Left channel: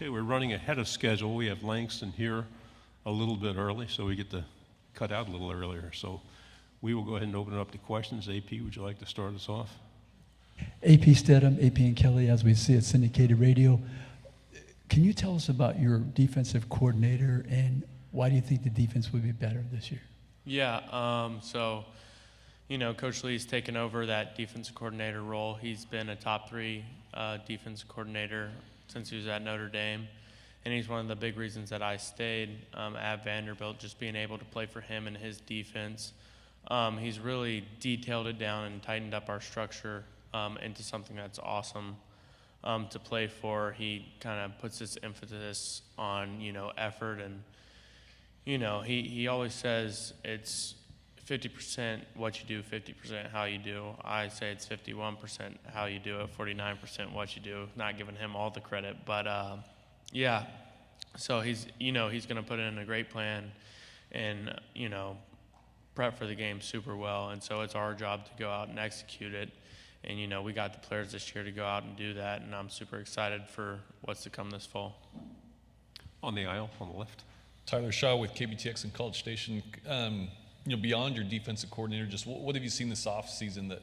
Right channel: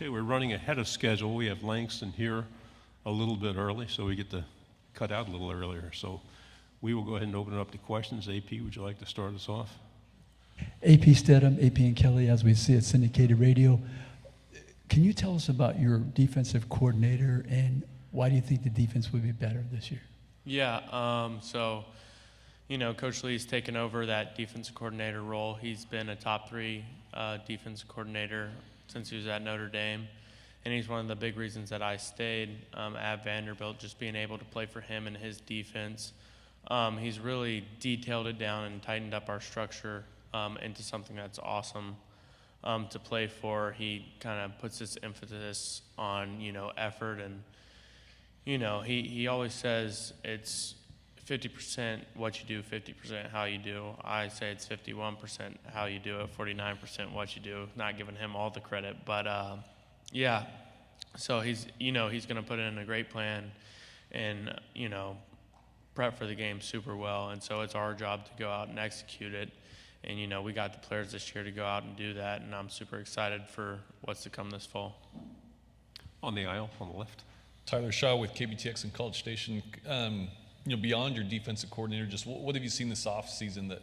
Okay, we're running ahead of schedule. We have Langston here a little bit early, so we get to cut out a little earlier. So we will go ahead and open it up to questions. AP, would you like to start us off? AP Stedham, AP and Kelly, as we see at syndicated radio. Can you tell us about your defensive coordinator and why do you think the defense would be better this year? Yeah, Coach Lee's taken over that defensive coordinator role. He's been a top 3 defensive coordinator since he was at Notre Dame, and he's one of the big reasons that I stayed at Vanderbilt, just being able to play for him and his defense. He's really detailed it down and tightened up our structure into something that's awesome to play for. He kind of puts this emphasis on, effort, and, he always says it's 50% what you do, 50% how you do. I say it's 51% how you do it, 49% what you do. Not giving him all the credit, but so he's going to put in a great plan and, prep for the game super well, and so it's our job to go out and execute it. And, we got the players this year to go out and do that, and I'm super excited for what's to come this fall. On the aisle, on the left. Tyler Shaw with KBTX and College Station. Beyond your defensive coordinator, just what have you seen this offseason that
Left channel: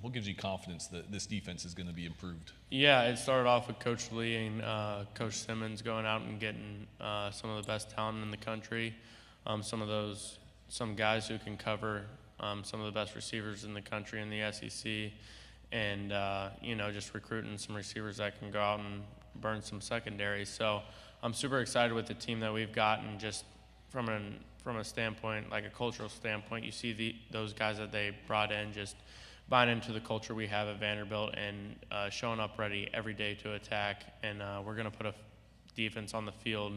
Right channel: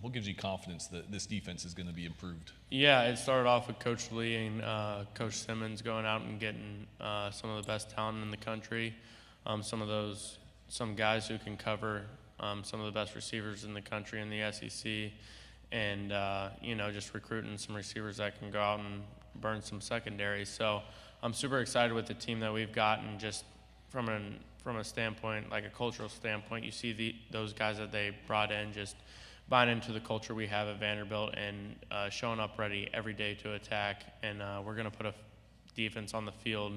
what gives you confidence that this defense is going to be improved? Yeah, it started off with Coach Lee and Coach Simmons going out and getting some of the best talent in the country, some guys who can cover some of the best receivers in the country in the SEC, and just recruiting some receivers that can go out and burn some secondaries. So I'm super excited with the team that we've gotten. Just from a standpoint, like a cultural standpoint, you see those guys that they brought in just buying into the culture we have at Vanderbilt and showing up ready every day to attack. And we're going to put a defense on the field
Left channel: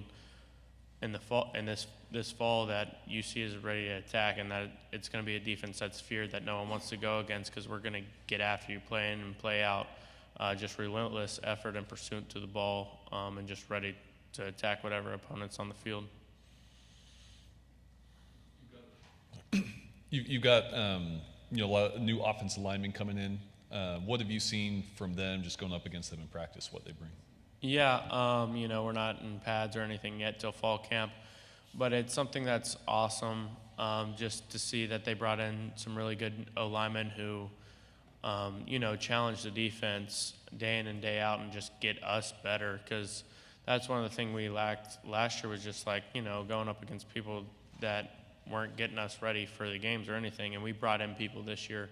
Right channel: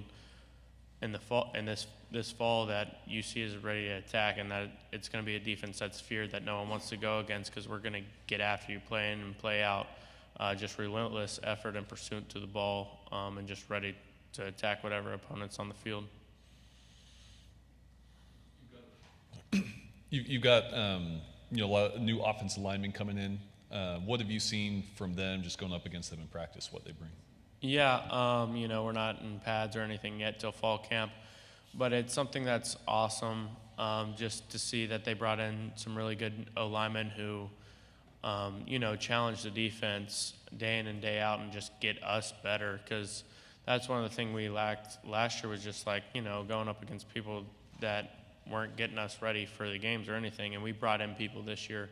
in the fall, in this fall, that UC is ready to attack, and that it's going to be a defense that's feared, that no one wants to go against, because we're going to get after you, play in and play out, just relentless effort and pursuit to the ball, and just ready to attack whatever opponent's on the field. You've got a lot of new offensive linemen coming in. What have you seen from them, just going up against them in practice, what they bring? Yeah, we're not in pads or anything yet till fall camp, but it's something that's awesome, just to see that they brought in some really good O-linemen who, challenge the defense day in and day out and just get us better, because that's one of the things we lacked last year, was just going up against people that weren't getting us ready for the games or anything, and we brought in people this year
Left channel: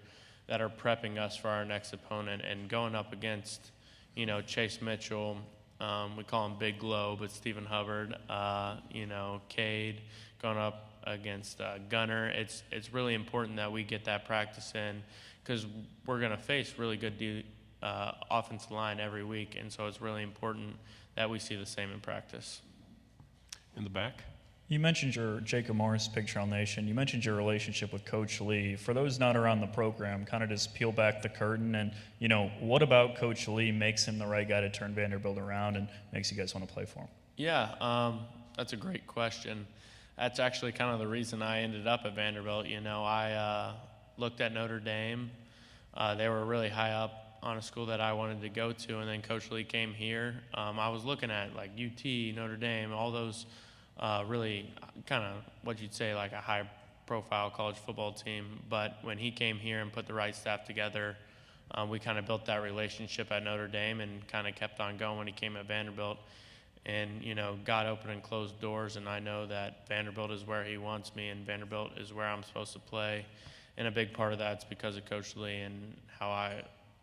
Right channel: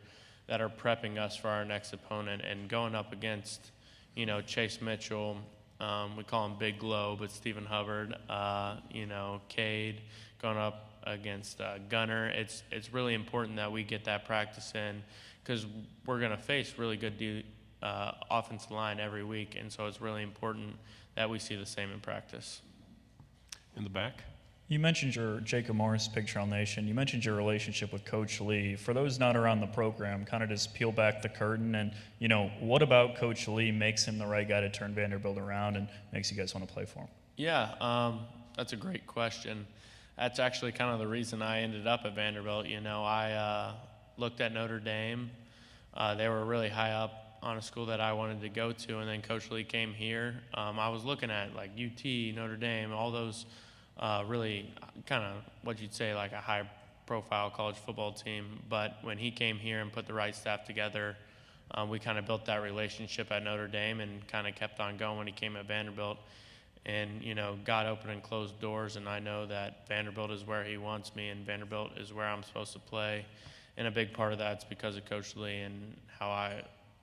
that are prepping us for our next opponent, and going up against, Chase Mitchell, we call him Big Glow, but Stephen Hubbard, Cade, going up against Gunner. It's really important that we get that practice in, because we're going to face really good offensive line every week, and so it's really important that we see the same in practice. In the back. You mentioned your Jacob Morris, Big Trail Nation. You mentioned your relationship with Coach Lee. For those not around the program, kind of just peel back the curtain, and what about Coach Lee makes him the right guy to turn Vanderbilt around and makes you guys want to play for him? Yeah, that's a great question. That's actually kind of the reason I ended up at Vanderbilt. I looked at Notre Dame. They were really high up on a school that I wanted to go to, and then Coach Lee came here. I was looking at like UT, Notre Dame, all those really kind of what you'd say like a high-profile college football team. But when he came here and put the right staff together, we kind of built that relationship at Notre Dame and kind of kept on going when he came at Vanderbilt. And, God opened and closed doors, and I know that Vanderbilt is where he wants me, and Vanderbilt is where I'm supposed to play. And a big part of that's because of Coach Lee and how I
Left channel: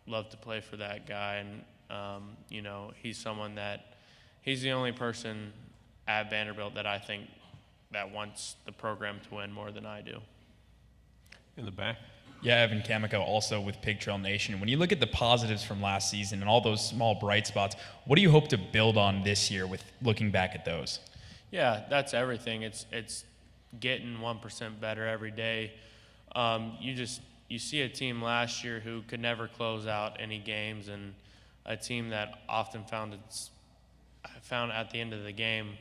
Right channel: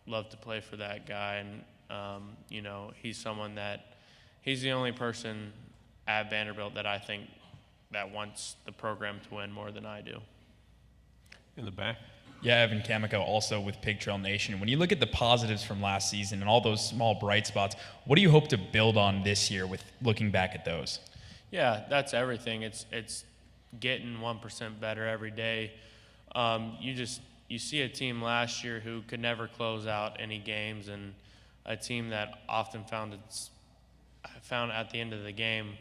love to play for that guy. And, he's the only person at Vanderbilt that I think that wants the program to win more than I do. In the back. Yeah, Evan Kamiko, also with Pig Trail Nation. When you look at the positives from last season and all those small bright spots, what do you hope to build on this year with looking back at those? Yeah, that's everything. It's getting 1% better every day. You see a team last year who could never close out any games, and a team that often found at the end of the game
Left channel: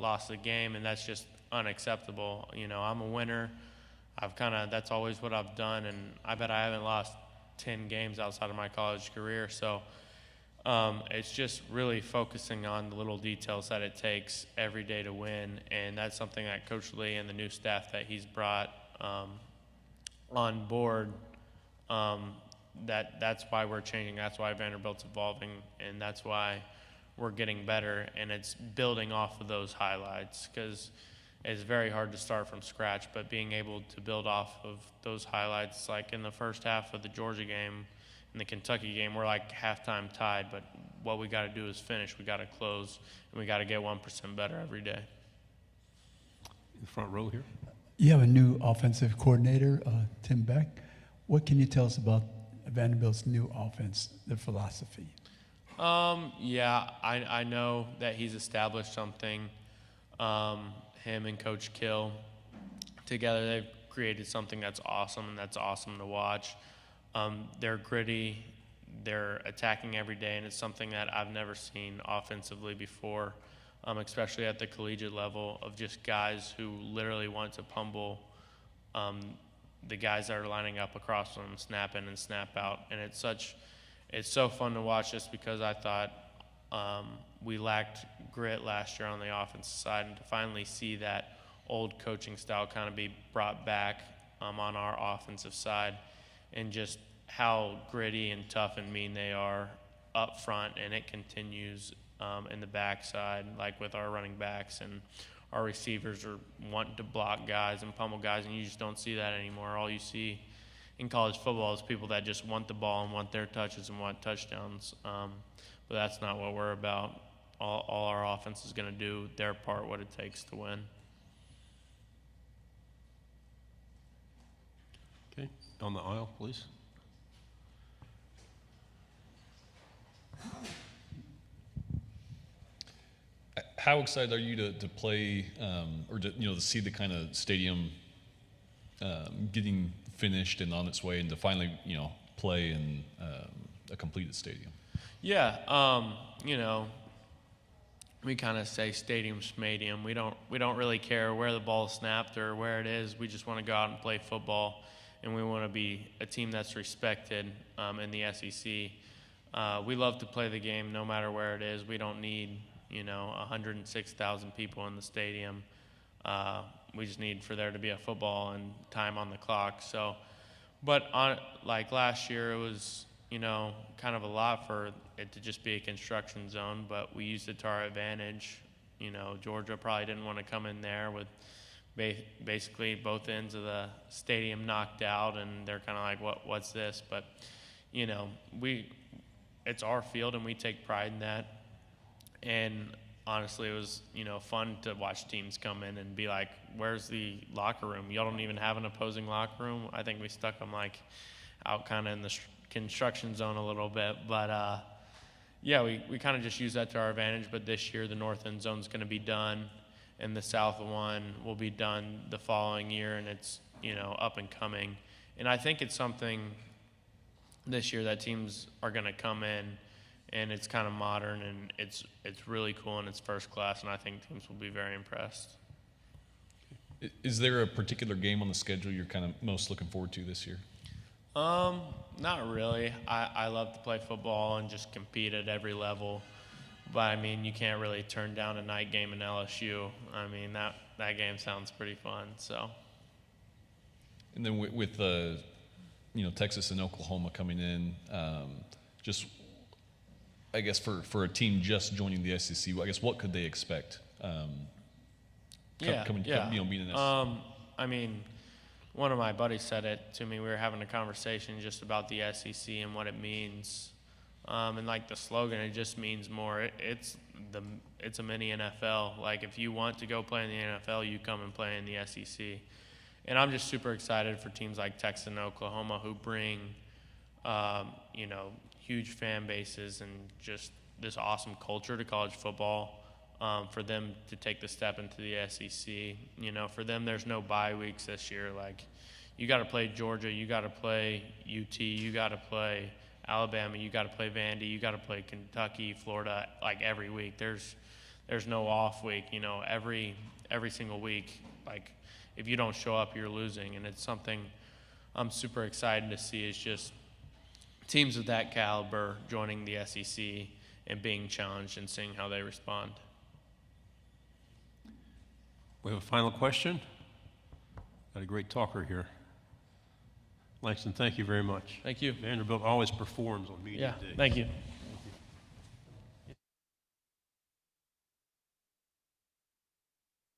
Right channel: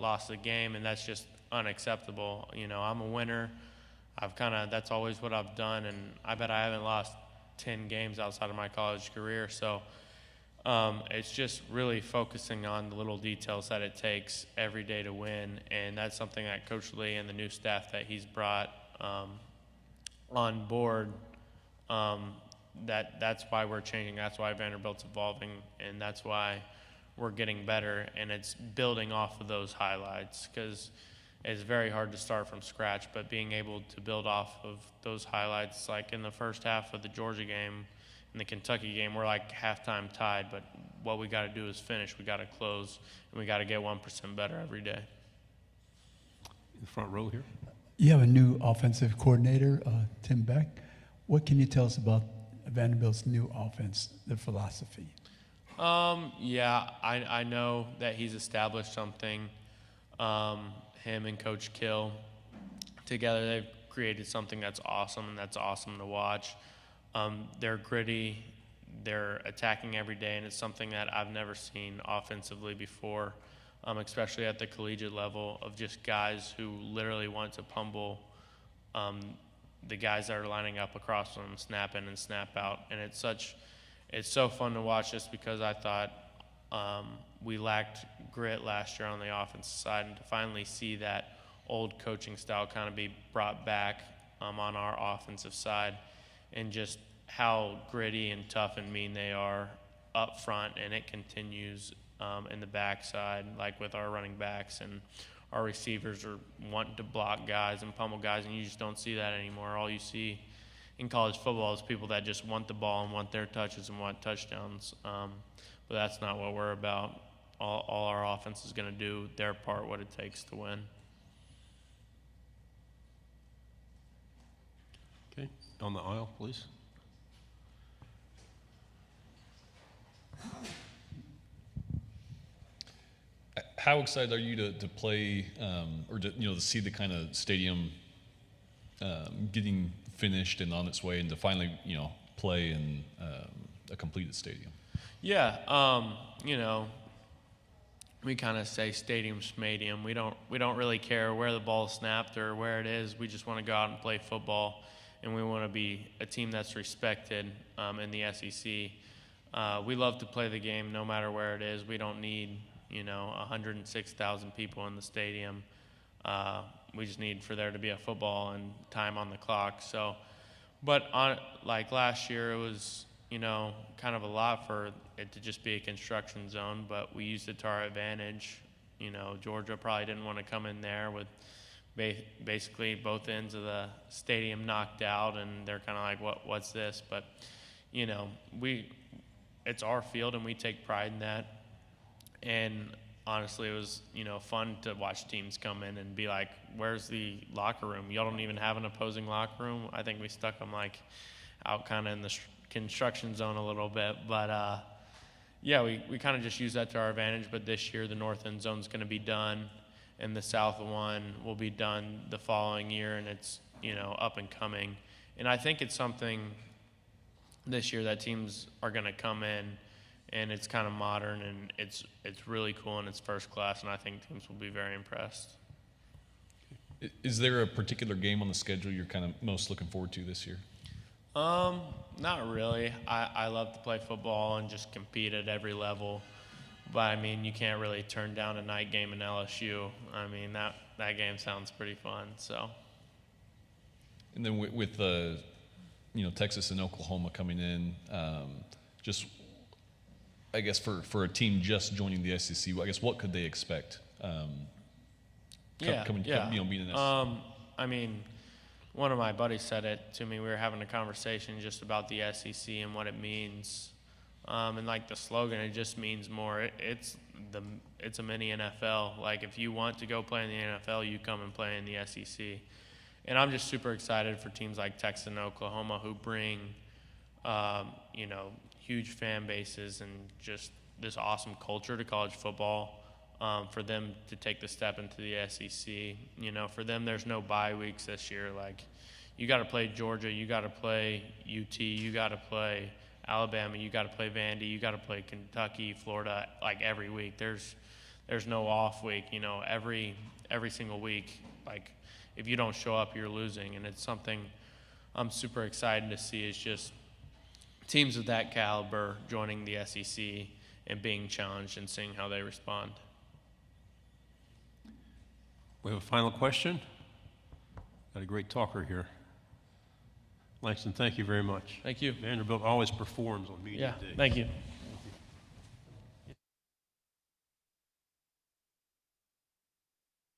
lost the game, and that's just unacceptable. I'm a winner. That's always what I've done, and I bet I haven't lost 10 games outside of my college career. So It's just really focusing on the little details that it takes every day to win, and that's something that Coach Lee and the new staff that he's brought on board. That's why we're changing. That's why Vanderbilt's evolving, and that's why we're getting better. And it's building off of those highlights, because it's very hard to start from scratch. But being able to build off of those highlights, like in the first half of the Georgia game, in the Kentucky game, we're like halftime tied. But what we got to do is finish. We got to close, and we got to get 1% better every day. In the front row here. You have a new offensive coordinator, Tim Beck. What can you tell us about Vanderbilt's new offense, the philosophy? Yeah, I know that he's established something. Him and Coach Kill together, they've created something that's awesome to watch. They're gritty, they're attacking every day, and it's something that I've never seen offensively before, especially at the collegiate level, of just guys who literally want to pummel the guys that are lining up across them, snap in and snap out. And it's so fun to watch, just because I thought we lacked grit last year on the offensive side, and to finally see that old coaching style kind of be brought back on our offensive side, and just how gritty and tough and mean they are up front, and it continues in the backside, like with our running backs, and our receivers are wanting to block guys and pummel guys, and you just don't see that anymore. All you see in college football is people that just want the ball and want their touches and want touchdowns. But that's not what we're about. All our offense is going to do their part, what it takes to win. Okay, down the aisle, please. How excited are you to play, or to see the kind of stadium getting finished and on its way, and to finally play in a completed stadium? Yeah, we kind of say stadium schmadium. We don't really care where the ball's snapped or where it is. We just want to go out and play football, and we want to be a team that's respected in the SEC. We love to play the game no matter where it is. We don't need 106,000 people in the stadium. We just need for there to be a football and time on the clock. So, but like last year, it was kind of a lot for it to just be a construction zone, but we used it to our advantage. Georgia probably didn't want to come in there with basically both ends of the stadium knocked out, and they're kind of like, what's this? But it's our field, and we take pride in that. And honestly, it was fun to watch teams come in and be like, where's the locker room? Y'all don't even have an opposing locker room. I think we stuck them like out kind of in the construction zone a little bit, but yeah, we kind of just use that to our advantage. But this year the north end zone is going to be done, and the south one will be done the following year, and it's up and coming. And I think it's something this year that teams are going to come in, and it's kind of modern, and it's really cool, and it's first class, and I think teams will be very impressed. Is there a particular game on the schedule you're kind of most looking forward to this year? Not really. I love to play football and just compete at every level. But, I mean, you can't really turn down a night game in LSU. I mean, that game sounds pretty fun, so. And then with Texas and Oklahoma coming in, just, I guess, for a team just joining the SEC, I guess what could they expect? Being in the SEC? I mean, one of my buddies said it to me. We were having a conversation just about the SEC and what it means. And like the slogan, it just means more. It's a mini NFL. Like, if you want to go play in the NFL, you come and play in the SEC. And I'm just super excited for teams like Texas and Oklahoma, who bring, huge fan bases and just this awesome culture to college football. For them to take the step into the SEC, for them, there's no bye weeks this year. Like, you got to play Georgia, you got to play UT, you got to play Alabama, you got to play Vandy, you got to play Kentucky, Florida, like every week. There's no off week. Every single week. Like, if you don't show up, you're losing, and it's something I'm super excited to see. It's just teams of that caliber joining the SEC and being challenged and seeing how they respond. We have a final question. Got a great talker here. Langston, thank you very much. Thank you. Vanderbilt always performs on media Yeah, day. thank you.